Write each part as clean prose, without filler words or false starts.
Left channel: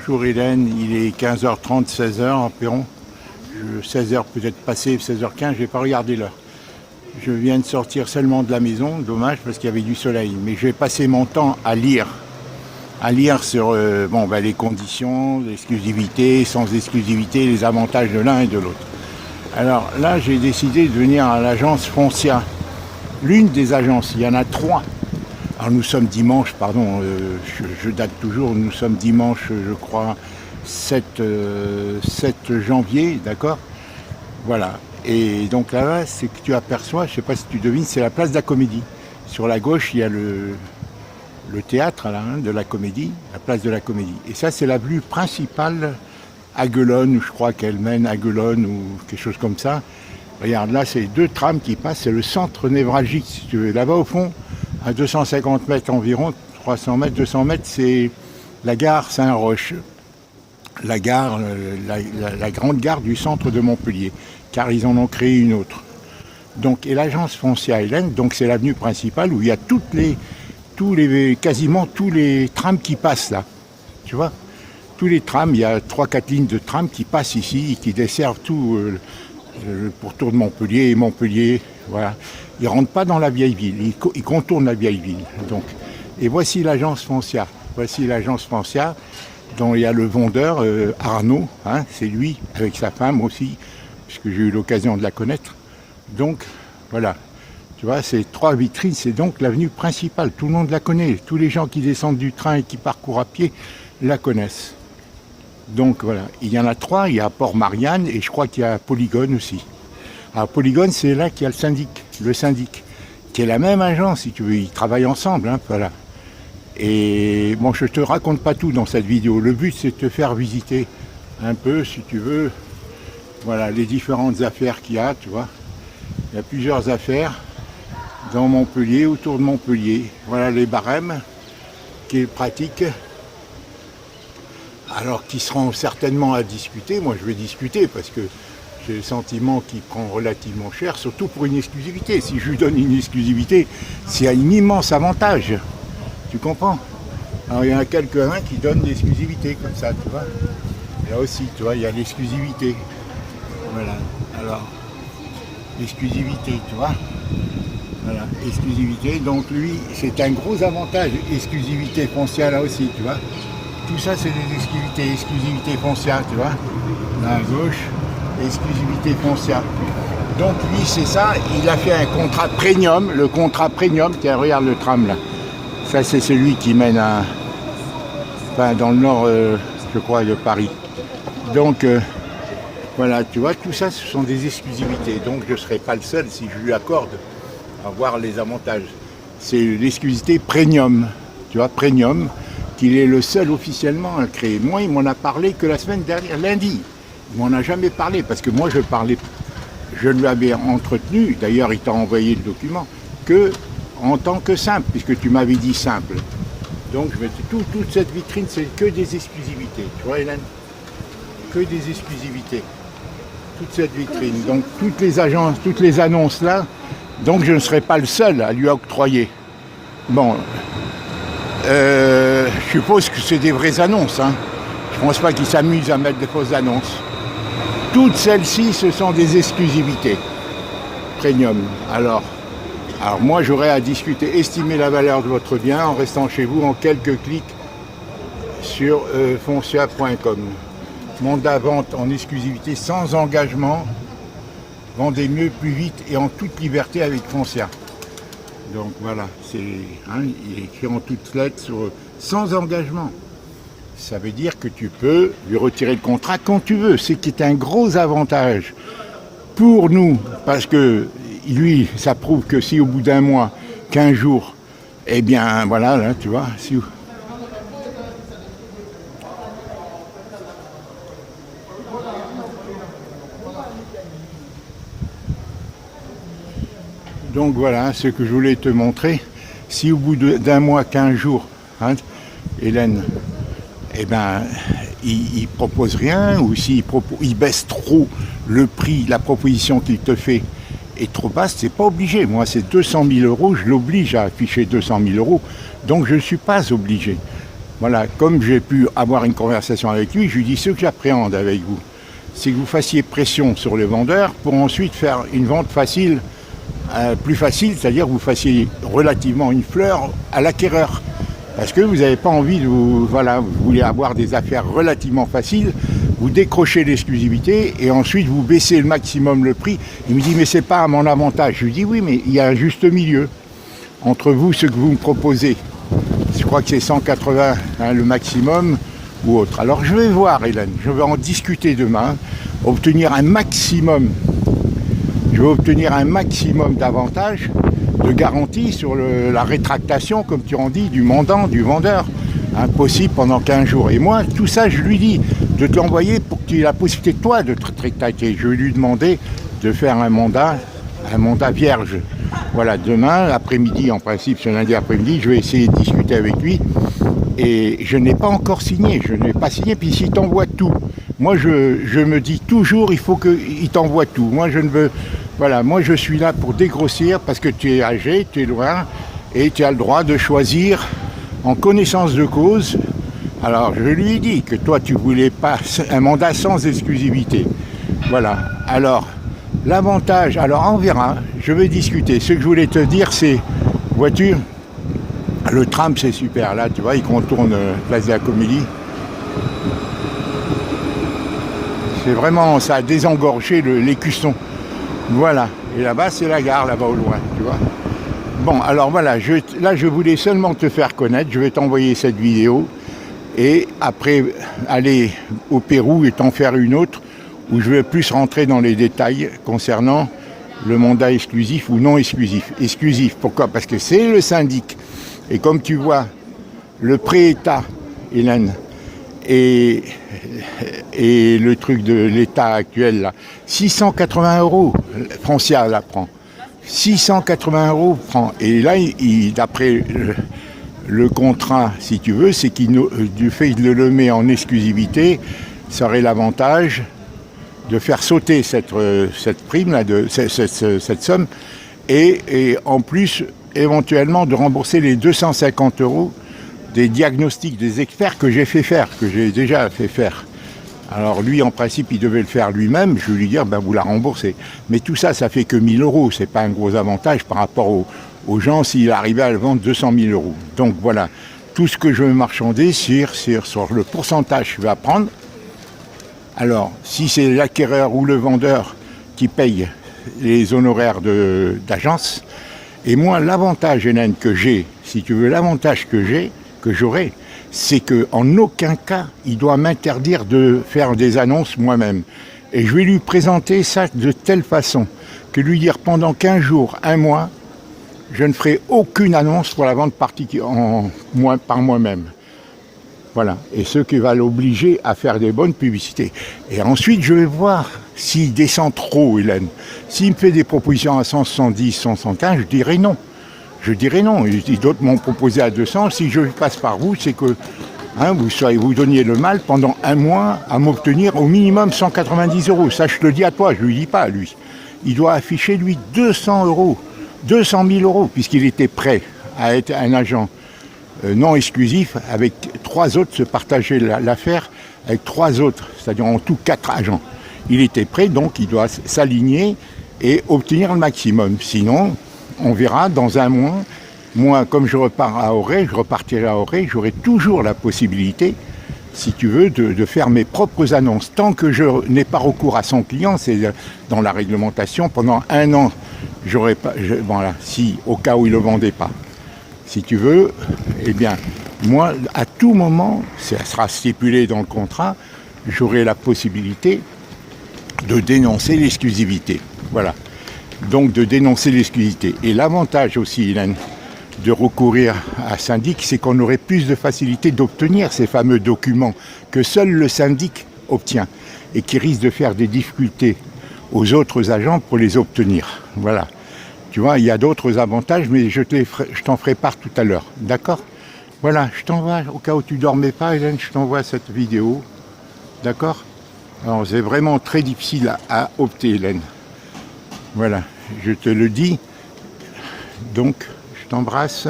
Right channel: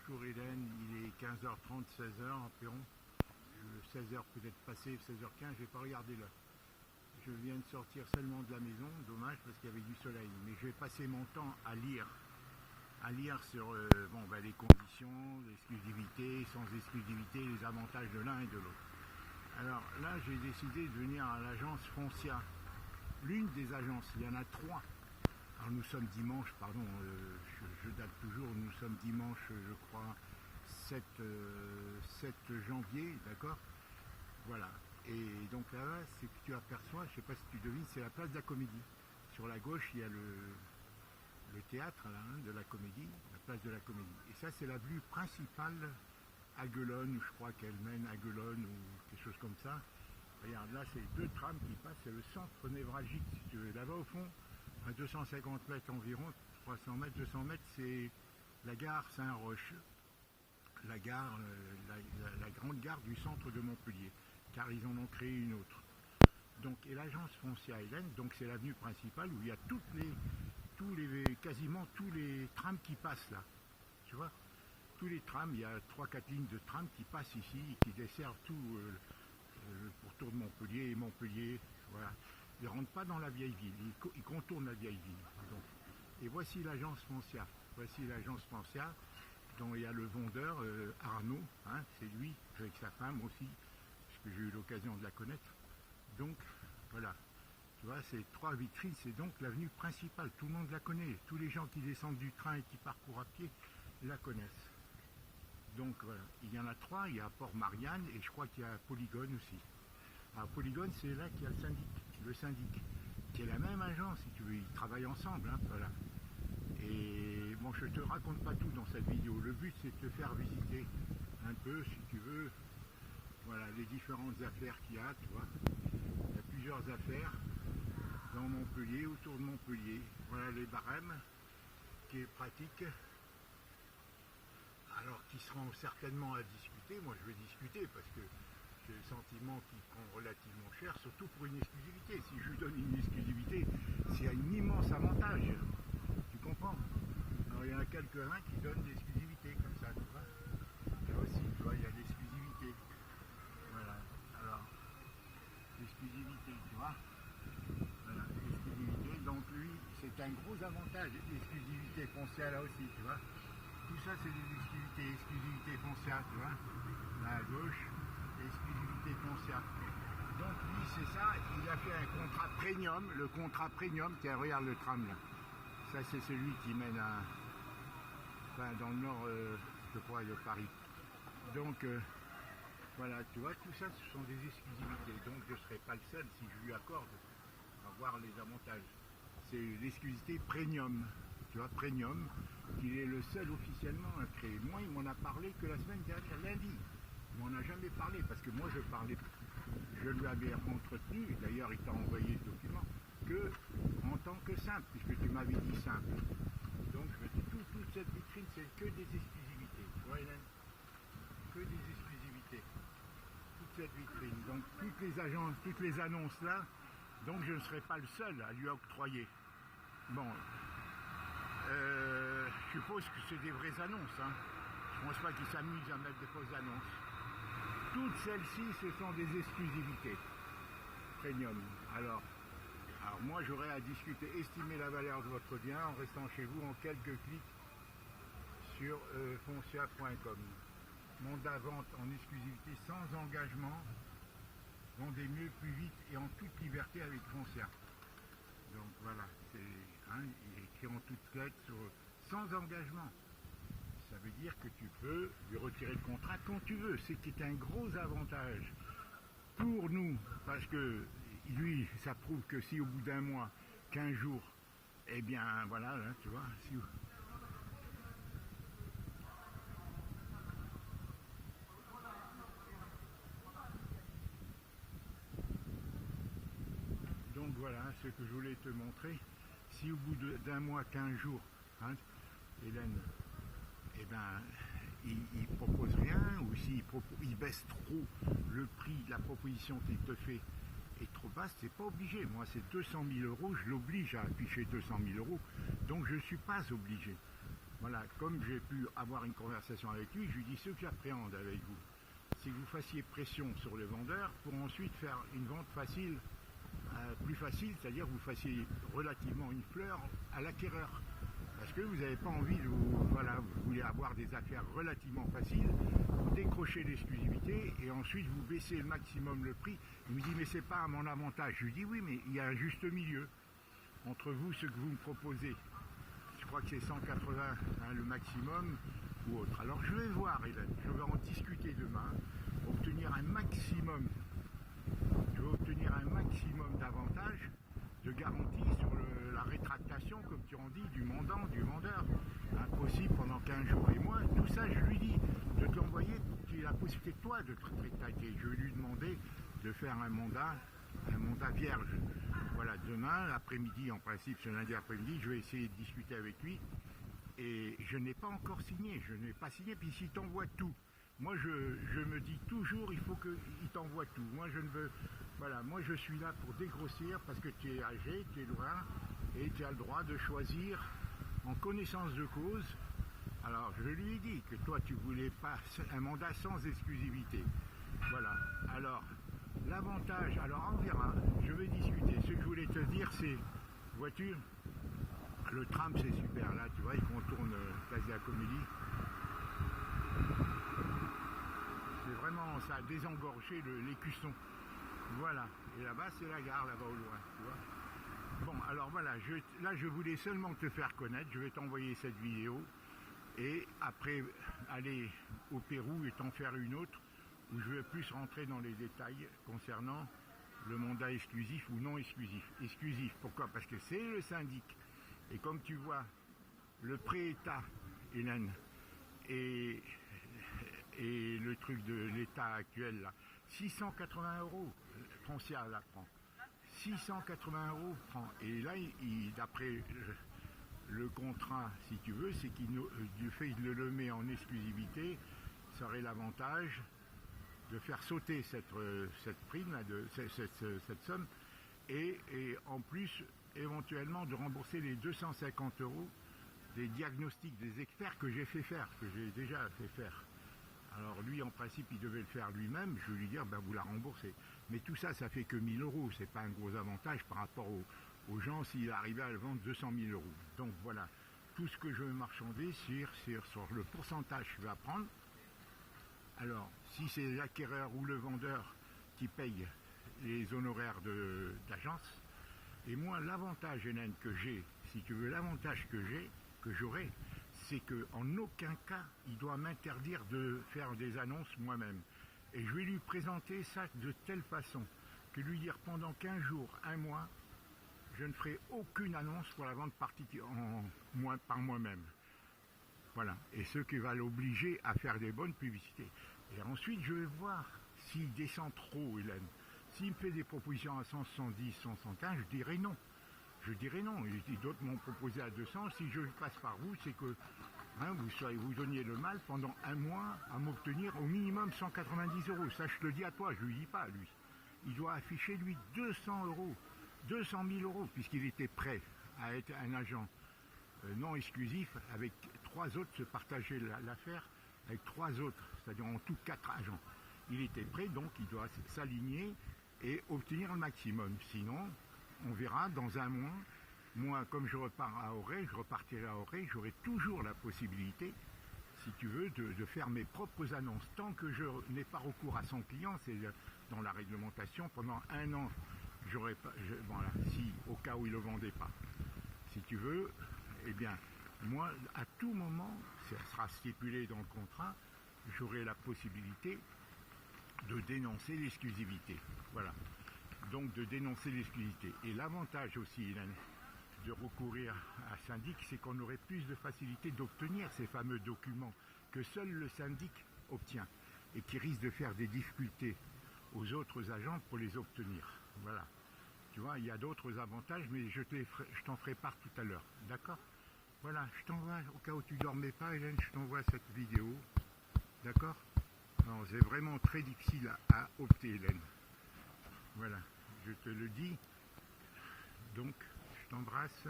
Bonjour Hélène, il est 15h30, 16h environ. 16h peut-être passé, 16h15, je n'ai pas regardé l'heure. Je viens de sortir seulement de la maison, dommage parce qu'il y avait du soleil. Mais je vais passer mon temps à lire sur les conditions, l'exclusivité, sans exclusivité, les avantages de l'un et de l'autre. Alors là, j'ai décidé de venir à l'agence Foncia. L'une des agences, il y en a 3. Alors nous sommes dimanche, je date toujours, nous sommes dimanche, je crois, 7 janvier, d'accord? Voilà. Et donc là, c'est que tu aperçois, je ne sais pas si tu devines, c'est la place de la Comédie. Sur la gauche, il y a le théâtre là, de la Comédie, la place de la Comédie. Et ça, c'est l'avenue principale à Guelonne, je crois qu'elle mène à Guelonne ou quelque chose comme ça. Regarde, là, c'est 2 trams qui passent, c'est le centre névralgique, si tu veux. Là-bas, au fond, à 250 mètres environ, 300 mètres, 200 mètres, c'est la gare Saint-Roch. La grande gare du centre de Montpellier, car ils en ont créé une autre. Donc, et l'agence Foncia Hélène, donc c'est l'avenue principale où il y a quasiment tous les trams qui passent là. Tu vois, tous les trams, il y a 3-4 lignes de trams qui passent ici et qui desservent tout le pourtour de Montpellier et Montpellier. Voilà. Ils ne rentrent pas dans la vieille ville, ils contournent la vieille ville. Donc. Et voici l'agence Foncia. Voici l'agence Foncia, dont il y a le vendeur Arnaud, hein, c'est lui, avec sa femme aussi, puisque j'ai eu l'occasion de la connaître. Donc, voilà. Tu vois, ces 3 vitrines, c'est donc l'avenue principale. Tout le monde la connaît. Tous les gens qui descendent du train et qui parcourent à pied la connaissent. Donc, voilà. Il y en a 3. Il y a Port-Marianne et je crois qu'il y a Polygone aussi. Alors, Polygone, c'est là qu'il y a le syndic, qui est la même agence, si tu veux. Ils travaillent ensemble, hein, voilà. Et bon, je ne te raconte pas tout dans cette vidéo. Le but, c'est de te faire visiter un peu, si tu veux, voilà, les différentes affaires qu'il y a, tu vois. Il y a plusieurs affaires dans Montpellier, autour de Montpellier. Voilà les barèmes qui est pratique. Alors, qui seront certainement à discuter. Moi, je vais discuter parce que j'ai le sentiment qu'il prend relativement cher, surtout pour une exclusivité. Si je lui donne une exclusivité, c'est un immense avantage. Tu comprends? Alors, il y en a quelques-uns qui donnent l'exclusivité comme ça, tu vois. Là aussi, tu vois, il y a l'exclusivité. Voilà. Alors, l'exclusivité, tu vois. Voilà, exclusivité. Donc, lui, c'est un gros avantage. Exclusivité foncière, là aussi, tu vois. Tout ça, c'est des exclusivités. Exclusivité foncière, tu vois. Là, à gauche, exclusivité foncière. Donc, lui, c'est ça. Il a fait un contrat premium. Le contrat premium, tiens, regarde le tram, là. Ça, c'est celui qui mène dans le nord, je crois, de Paris. Donc, voilà, tu vois, tout ça, ce sont des exclusivités. Donc, je ne serai pas le seul, si je lui accorde, à voir les avantages. C'est l'exclusivité premium, tu vois, premium, qu'il est le seul officiellement à le créer. Moi, il m'en a parlé que la semaine dernière, lundi. Il m'en a jamais parlé, parce que moi, je lui avais entretenu, d'ailleurs, il t'a envoyé le document, que en tant que simple, puisque tu m'avais dit simple. Donc, toute cette vitrine, c'est que des exclusivités. Tu vois, Hélène? Que des exclusivités. Toute cette vitrine. Donc, toutes les agences, toutes les annonces là, donc je ne serai pas le seul à lui octroyer. Bon, je suppose que c'est des vraies annonces. Hein. Je ne pense pas qu'ils s'amusent à mettre des fausses annonces. Toutes celles-ci, ce sont des exclusivités. Premium. Alors moi, j'aurais à discuter, estimer la valeur de votre bien en restant chez vous en quelques clics sur foncia.com. Mandat vente en exclusivité sans engagement. Vendez mieux, plus vite et en toute liberté avec Foncia. Donc voilà, il est écrit en toutes lettres sans engagement. Ça veut dire que tu peux lui retirer le contrat quand tu veux. C'est qui est un gros avantage pour nous, parce que lui, ça prouve que si au bout d'un mois, 15 jours, eh bien, voilà, là, tu vois, Donc voilà, ce que je voulais te montrer. Si au bout d'un mois, 15 jours, hein, Hélène, eh ben, il propose rien, ou il baisse trop le prix, la proposition qu'il te fait est trop basse, c'est pas obligé. Moi, c'est 200 000 €, je l'oblige à afficher 200 000 €, donc je ne suis pas obligé. Voilà, comme j'ai pu avoir une conversation avec lui, je lui dis ce que j'appréhende avec vous, c'est que vous fassiez pression sur les vendeurs pour ensuite faire une vente facile, plus facile, c'est-à-dire que vous fassiez relativement une fleur à l'acquéreur. Parce que vous n'avez pas envie de vous... Voilà, vous voulez avoir des affaires relativement faciles, vous décrochez l'exclusivité et ensuite vous baissez le maximum le prix. Il me dit mais c'est pas à mon avantage. Je lui dis oui mais il y a un juste milieu entre vous, ce que vous me proposez. Je crois que c'est 180 le maximum ou autre. Alors je vais voir Hélène, je vais en discuter demain, obtenir un maximum. Je vais obtenir un maximum d'avantages, de garantie sur la rétractation, comme tu en dis, du mandant, du vendeur, impossible pendant 15 jours. Et moi, tout ça, je lui dis de te l'envoyer pour que tu aies la possibilité, toi, de te rétracter. Je vais lui demander de faire un mandat vierge. Voilà, demain, après-midi, en principe, ce lundi après-midi, je vais essayer de discuter avec lui. Et je n'ai pas encore signé, je n'ai pas signé, puis s'il t'envoie tout. Moi, je me dis toujours, il faut qu'il t'envoie tout. Moi, je ne veux... Voilà, moi, je suis là pour dégrossir parce que tu es âgé, tu es loin, et tu as le droit de choisir en connaissance de cause. Alors, je lui ai dit que toi, tu ne voulais pas un mandat sans exclusivité. Voilà, alors... L'avantage, alors on verra, je vais discuter. Ce que je voulais te dire, c'est, vois-tu, le tram c'est super, là tu vois, il contourne Place de la Comédie. C'est vraiment, ça a désengorgé l'écusson. Voilà, et là-bas c'est la gare, là-bas au loin, tu vois. Bon, alors voilà, là je voulais seulement te faire connaître, je vais t'envoyer cette vidéo, et après aller au Pérou et t'en faire une autre, où je vais plus rentrer dans les détails concernant le mandat exclusif ou non exclusif. Exclusif, pourquoi? Parce que c'est le syndic. Et comme tu vois, le pré-État, Hélène, et le truc de l'État actuel, là, 680 €, Francia la prend. 680 € prend. Et là, d'après le contrat, si tu veux, c'est qu'il du fait qu'il le met en exclusivité, ça aurait l'avantage de faire sauter cette prime, là, cette somme, et en plus, éventuellement, de rembourser les 250 € des diagnostics des experts que j'ai déjà fait faire. Alors lui, en principe, il devait le faire lui-même, je vais lui dire, ben vous la remboursez. Mais tout ça, ça fait que 1 000 €, c'est pas un gros avantage par rapport aux gens s'il arrivait à le vendre 200 000 €. Donc voilà, tout ce que je veux marchander sur le pourcentage que je vais prendre. Alors, si c'est l'acquéreur ou le vendeur qui paye les honoraires d'agence, et moi, l'avantage, Hélène, que j'ai, si tu veux, l'avantage que j'aurai, c'est qu'en aucun cas, il doit m'interdire de faire des annonces moi-même. Et je vais lui présenter ça de telle façon que lui dire pendant 15 jours, un mois, je ne ferai aucune annonce pour la vente par moi-même. Voilà, et ce qui va l'obliger à faire des bonnes publicités. Et ensuite, je vais voir s'il descend trop, Hélène. S'il me fait des propositions à 170, 175, je dirai non. Je dirai non. D'autres m'ont proposé à 200. Si je passe par vous, c'est que vous donniez le mal pendant un mois à m'obtenir au minimum 190 €. Ça, je te le dis à toi, je ne lui dis pas à lui. Il doit afficher, lui, 200 €, 200 000 €, puisqu'il était prêt à être un agent non exclusif, avec 3 autres, se partager l'affaire avec 3 autres, c'est-à-dire en tout 4 agents. Il était prêt, donc il doit s'aligner et obtenir le maximum. Sinon, on verra dans un mois. Moi, comme je repars à Auray, je repartirai à Auray, j'aurai toujours la possibilité, si tu veux, de faire mes propres annonces. Tant que je n'ai pas recours à son client, c'est dans la réglementation, pendant 1 an, j'aurai pas, voilà, si au cas où il ne le vendait pas. Si tu veux, eh bien, moi, à tout moment, ça sera stipulé dans le contrat, j'aurai la possibilité de dénoncer l'exclusivité. Voilà. Donc, de dénoncer l'exclusivité. Et l'avantage aussi, Hélène, de recourir à syndic, c'est qu'on aurait plus de facilité d'obtenir ces fameux documents que seul le syndic obtient et qui risquent de faire des difficultés aux autres agents pour les obtenir. Voilà. Tu vois, il y a d'autres avantages, mais je t'en ferai part tout à l'heure. D'accord? Voilà, je t'envoie, au cas où tu ne dormais pas, Hélène, je t'envoie cette vidéo. D'accord? Alors, c'est vraiment très difficile à opter, Hélène. Voilà, je te le dis. Donc, je t'embrasse.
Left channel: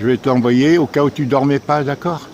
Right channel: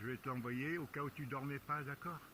Je vais t'envoyer au cas où tu ne dormais pas, d'accord?